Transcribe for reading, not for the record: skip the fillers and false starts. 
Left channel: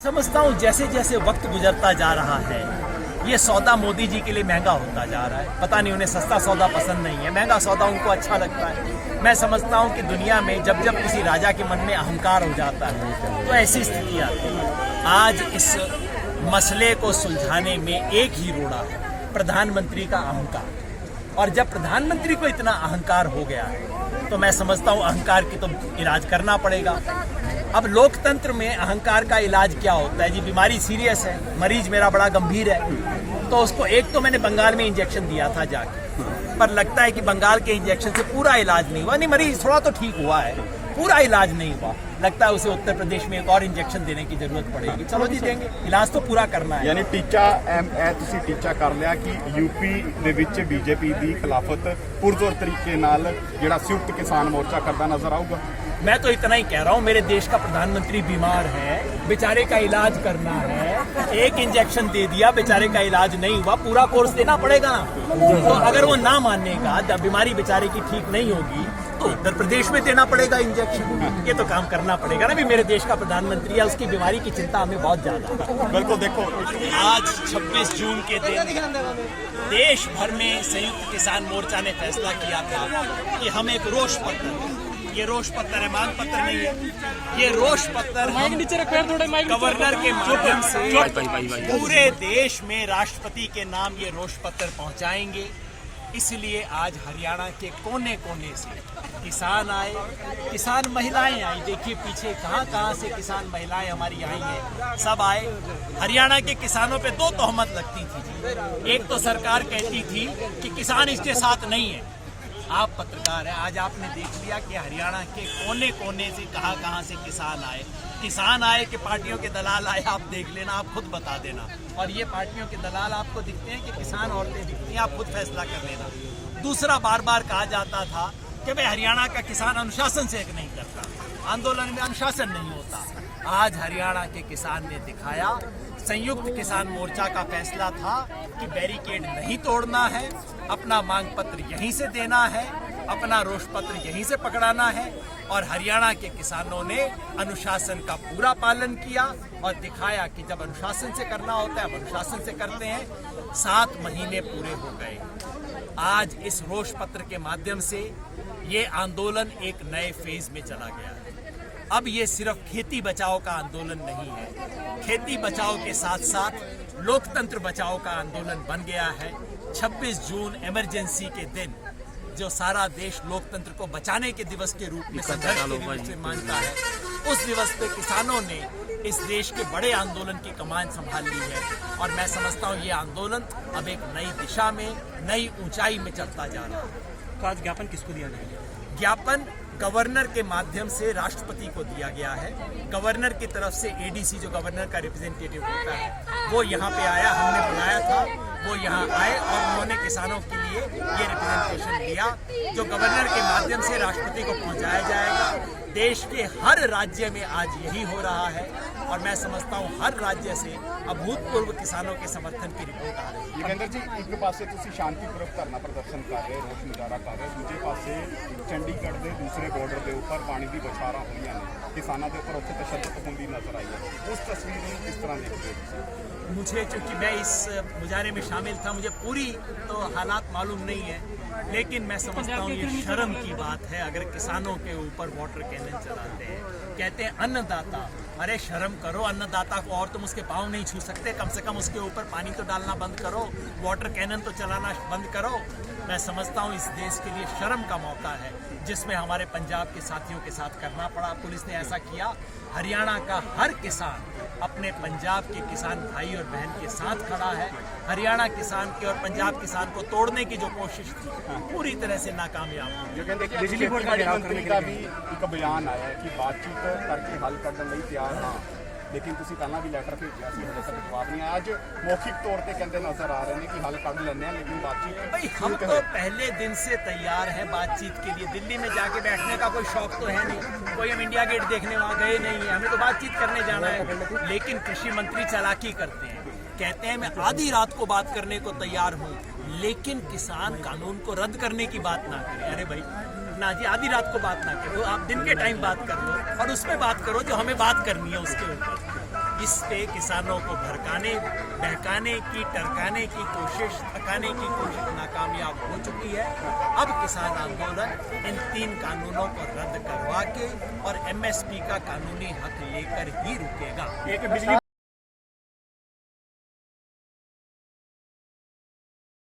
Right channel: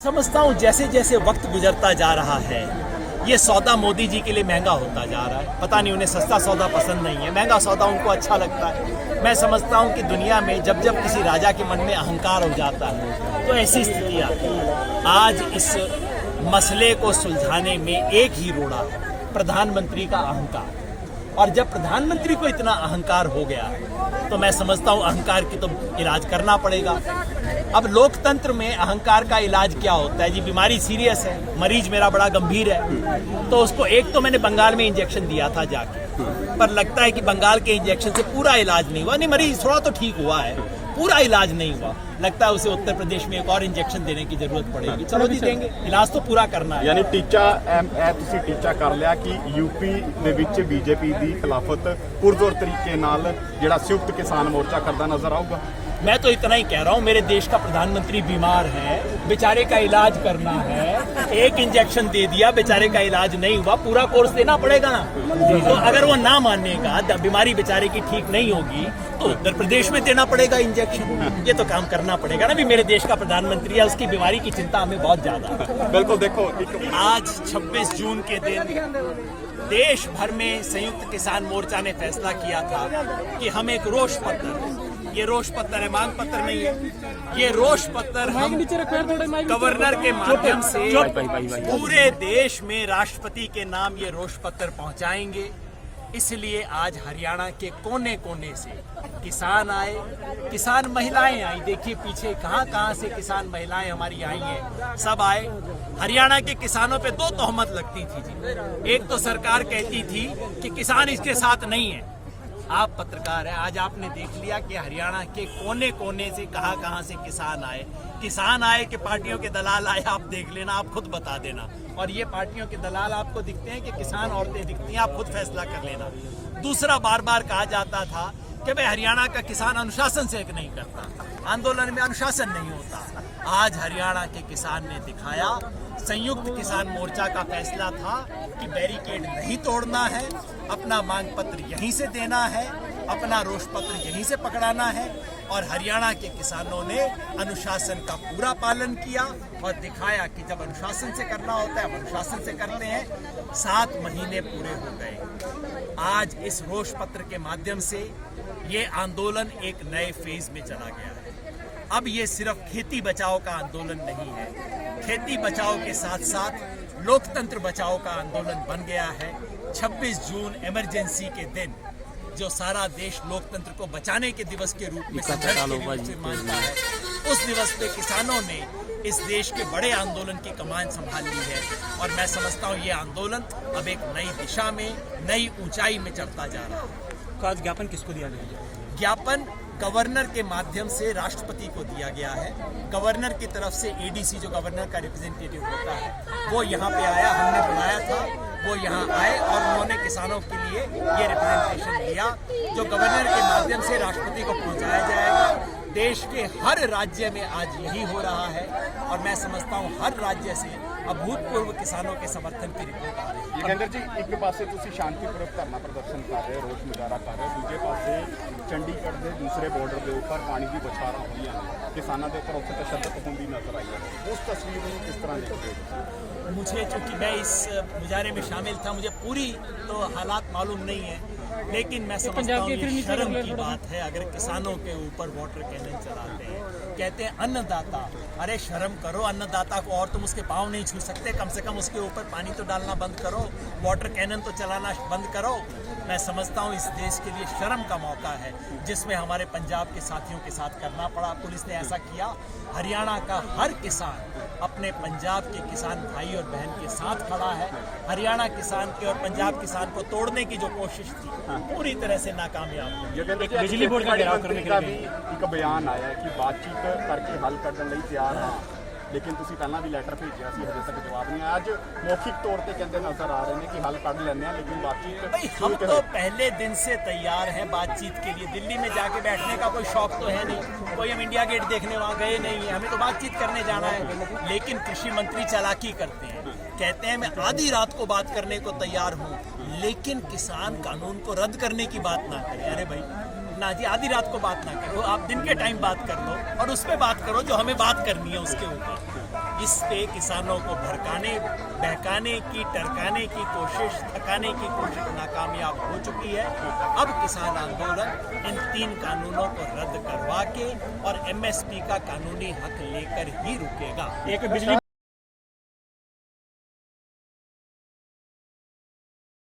समझता हूँ जैसे जैसे वक्त गुजरता जा रहा है ये सौदा मोदी जी के लिए महंगा होता जा रहा है। पता नहीं उन्हें सस्ता सौदा पसंद नहीं है, महंगा सौदा उनको अच्छा लगता है। मैं समझता हूँ कि दुनिया में जब जब किसी राजा के मन में अहंकार हो जाता है तो ऐसी स्थिति आती है। आज इस मसले को सुलझाने में एक ही रोड़ा है, प्रधानमंत्री का अहंकार। और जब प्रधानमंत्री को इतना अहंकार हो गया तो मैं समझता हूँ अहंकार की तो इलाज करना पड़ेगा। अब लोकतंत्र में अहंकार का इलाज क्या होता है जी? बीमारी सीरियस है, मरीज मेरा बड़ा गंभीर है, तो उसको एक तो मैंने बंगाल में इंजेक्शन दिया था जाके, पर लगता है कि बंगाल के इंजेक्शन से पूरा इलाज नहीं हुआ। नहीं, मरीज थोड़ा तो ठीक हुआ है, पूरा इलाज नहीं हुआ। लगता है उसे उत्तर प्रदेश में एक और इंजेक्शन देने की जरूरत पड़ेगी। चलो जी, देंगे, इलाज तो पूरा करना है। यानी ਤੁਸੀਂ ਟੀਚਾ ਕਰ ਲਿਆ कि यूपी ਦੇ ਵਿੱਚ बीजेपी ਦੀ ਖਿਲਾਫਤ ਪੁਰਜ਼ੋਰ ਤਰੀਕੇ ਨਾਲ ਜਿਹੜਾ ਸੰਯੁਕਤ ਕਿਸਾਨ ਮੋਰਚਾ ਕਰਦਾ ਨਜ਼ਰ ਆਊਗਾ। मैं तो इतना ही कह रहा हूँ, मेरे देश का प्रधानमंत्री बीमार है, बेचारे का इलाज करना है, एक इंजेक्शन दे दिया, बेचारे का इलाज नहीं हुआ, पूरा कोर्स देना पड़ेगा ना। तो अगर वो ना मानेगा, बीमारी बेचारे की ठीक नहीं होगी, तो उत्तर प्रदेश में देना पड़ेगा इंजेक्शन। ये तो काम करना पड़ेगा ना। भी मेरे देश का प्रधानमंत्री है, उसकी बीमारी की चिंता हमें बहुत ज्यादा है। बिल्कुल, देखो आज 26 जून के दिन देश भर में संयुक्त किसान मोर्चा ने फैसला किया था कि हम एक रोष पत्र, ये रोष पत्र है, मांग पत्र नहीं है, ये रोष पत्र गवर्नर के माध्यम से पूरे देश में राष्ट्रपति के नाम ये रोष पत्र पहुंचाएंगे। इसलिए आज हरियाणा के कोने कोने से किसान आए, किसान महिलाएं आई। देखिए पीछे कहां से किसान महिलाएं हमारी आई हैं, सब आए। हरियाणा के किसानों पे दो तोहमत लगती थी जी। एक तो सरकार कहती थी कि किसान इसके साथ नहीं है। आप पत्रकार हैं, आज आपने देख लिया कि हरियाणा के कोने कोने से कहां से किसान आए कि पार्टियों के दलाल आए। आप देख लेना, आप खुद बता देना। और ये पार्टियों के दलाल आपको दिखते हैं कि किसान औरतें दिखती हैं, आप खुद फैसला कर लेना। दूसरा, बार बार कहा जाता था कि भाई हरियाणा का किसान अनुशासन से नहीं करता, आंदोलन में अनुशासन नहीं होता। आज हरियाणा के किसान ने दिखाया, संयुक्त किसान मोर्चा का फैसला था कि बैरिकेड नहीं तोड़ना है, अपना मांग पत्र यहीं से देना है, अपना रोष पत्र यहीं से पकड़ाना है। और हरियाणा के किसानों ने अनुशासन का पूरा पालन किया और दिखाया कि जब अनुशासन से करना होता है, हम अनुशासन से करते हैं। 7 महीने पूरे हो गए। आज इस रोष पत्र के माध्यम से ये आंदोलन एक नए फेज में चला गया है। अब ये सिर्फ खेती बचाओ का आंदोलन नहीं है, खेती बचाओ के साथ साथ लोकतंत्र बचाओ का आंदोलन बन गया है। 26 जून इमरजेंसी के दिन जो सारा देश लोकतंत्र को बचाने के दिवस के रूप में मानता है, उस दिवस पे किसानों ने इस देश के बड़े आंदोलन की कमान संभाल ली है। और मैं समझता हूँ ये आंदोलन अब एक नई दिशा में, नई ऊंचाई में चलता जा रहा है। तो आज ज्ञापन किसको दिया गया? ज्ञापन गवर्नर के माध्यम से राष्ट्रपति को दिया गया है। गवर्नर की तरफ से एडीसी, जो गवर्नर का रिप्रेजेंटेटिव होता है, वो यहाँ पे आया, हमने बुलाया था, वो यहाँ आए और उन्होंने किसानों के लिए ये रिप्रेजेंटेशन दिया, जो गवर्नर के माध्यम से राष्ट्रपति को पहुँचाया जाएगा। देश के हर राज्य में आज यही हो रहा है और मैं समझता हूँ हर राज्य से अभूतपूर्व किसानों के समर्थन की रिपोर्ट आ रही है। योगेंद्र जी, एक पासे ਤੁਸੀਂ ਸ਼ਾਂਤੀਪੂਰਵਕ ਧਰਨਾ ਪ੍ਰਦਰਸ਼ਨ ਕਰ ਰਹੇ ਹੋ, ਰੋਸ ਮੁਜ਼ਾਹਰਾ ਕਰ ਰਹੇ ਹੋ, ਦੂਜੇ ਪਾਸੇ ਚੰਡੀਗੜ੍ਹ ਦੇ ਦੂਸਰੇ ਬਾਰਡਰ ਦੇ ਉੱਪਰ ਪਾਣੀ ਦੀ ਬਛਾਰਾਂ ਹੋਈਆਂ ਨੇ, ਕਿਸਾਨਾਂ ਦੇ ਉੱਪਰ ਉੱਥੇ ਤਸ਼ੱਦਦ ਹੁੰਦੀ ਨਜ਼ਰ ਆਈ ਹੈ। ਉਸ ਤਸਵੀਰ ਨੂੰ ਕਿਸ ਤਰ੍ਹਾਂ ਦੇਖਦੇ ਹੋ? मुझे, चूंकि मैं इस मुजाहरे में शामिल था, मुझे पूरी तो हालात मालूम नहीं है, लेकिन मैं समझता हूँ ये शर्म की बात है अगर किसानों के ऊपर वाटर कैनन चलाते हैं। कहते हैं अन्नदाता, अरे शर्म करो, अन्नदाता को और तुम उसके पाँव नहीं छू सकते, कम से कम उसके ऊपर पानी तो डालना बंद करो, वाटर कैनन तो चलाना बंद करो। मैं समझता हूँ इस देश के लिए शर्म का मौका है, जिसमें हमारे पंजाब के साथियों के साथ करना पड़ा। पुलिस ने ऐसा किया। हरियाणा का हर किसान अपने पंजाब के किसान भाई और बहन के साथ खड़ा है। हरियाणा किसान के और पंजाब किसान को तोड़ने की जो कोशिश थी, पूरी तरह से नाकामयाब हुई। बिजली बोर्ड का घेराव करने का भी एक बयान आया कि बातचीत करके हल करने ਲਈ ਤਿਆਰ ਹਾਂ, लेकिन ਤੁਸੀਂ ਪਹਿਲਾਂ ਵੀ ਲੈਟਰ ਭੇਜਿਆ ਸੀ, ਹਜੇ तक जवाब नहीं आया। ਅੱਜ मौखिक तौर पे कहते नजर आ रहे हैं कि हल कर लेने, लेकिन बातचीत भाई हम तो पहले दिन से तैयार हैं बातचीत के लिए। दिल्ली में जाके बैठने का कोई शौक तो है नहीं, कोई हम इंडिया गेट देखने वहाँ गए नहीं है, हमें तो बातचीत करने जाना है। लेकिन कृषि मंत्री चालाकी करते हैं, कहते हैं मैं आधी रात को बात करने को तैयार हूँ, लेकिन किसान कानून को रद्द करने की बात ना करें। अरे भाई ना जी, आधी रात को बात ना करो, आप दिन के टाइम बात कर लो और उस पर बात करो जो हमें बात करनी है उसके ऊपर। इस पे किसानों को भड़काने, बहकाने की, टरकाने की कोशिश, थकाने की कोशिश नाकामयाब हो चुकी है। अब किसान आंदोलन इन 3 कानूनों को रद्द करवा के और MSP का कानूनी हक लेकर ही रुकेगा। एक बिजली